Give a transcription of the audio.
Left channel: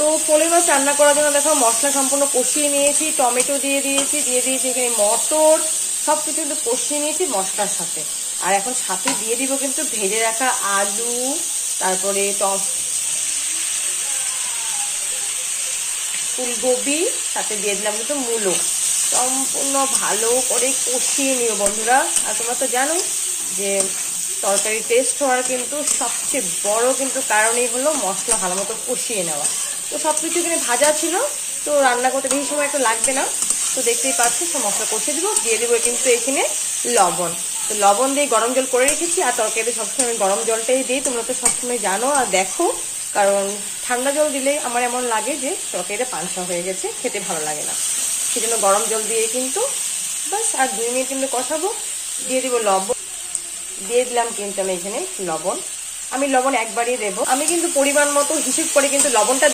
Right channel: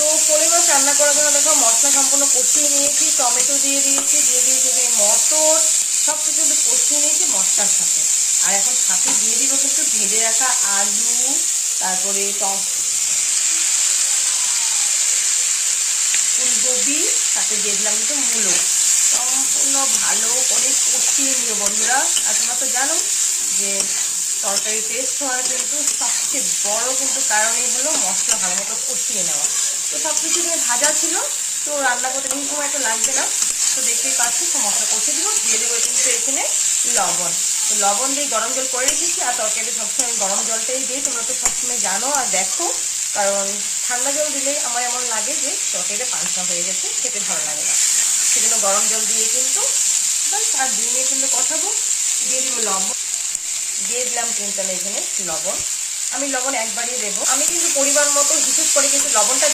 তো পোলে মাছ রান্না করার জন্য দেখো মশলা সম্পূর্ণ কষিয়ে নিয়েছি, টমেটো দিয়ে দিয়েছি এখানে মটর, সব কিছু কিন্তু কষিয়ে নিয়েছি মশলার সাথে। আর এখন সাথে দিয়ে দিব কিন্তু ভেজে রাখা আলু, তারপরে ফুলকপি, সাথে দিয়ে দিলাম কিন্তু মূলো। সম্পূর্ণ ভালো করে কষিয়ে নিও বন্ধুরা। আর তোমরা তো জানো যে তরকারি টেস্ট হওয়ার কিন্তু সবচেয়ে বড় কিন্তু কারণই হলো মশলা ভালো মতো কষিয়ে নেওয়া। তো সব কিছু এখানে ভাজা ছিল, তো রান্না করতে বেশি সময় একটু লাগবে না। তো দেখতেই পাচ্ছি সব মশলা কষিয়ে দিব, দিয়ে দেবো কিন্তু এখানে লবণ। তো লবণ দিয়ে গরম জল করে রেখেছি, আর তরকারিতে সবসময় গরম জলটাই দিই, তোমরা তো সবসময় জানো আর দেখো। কারণ ঠান্ডা জল দিলেই আমার এমন লাগে যে তরকারিটা পাঞ্চা হয়ে গেছে, খেতে ভালো লাগে না। সেজন্য গরম জল দিয়ে কিন্তু বাস আর 2 মিনিট কিন্তু কষাবো। দিয়ে দিব লবণ, দিয়ে দিলাম কিন্তু আমি এখানে লবণ। আমি লবণ একবারই দেবো, আমি কিন্তু পরিমাণ মতো হিসেব করে কিন্তু লবণটা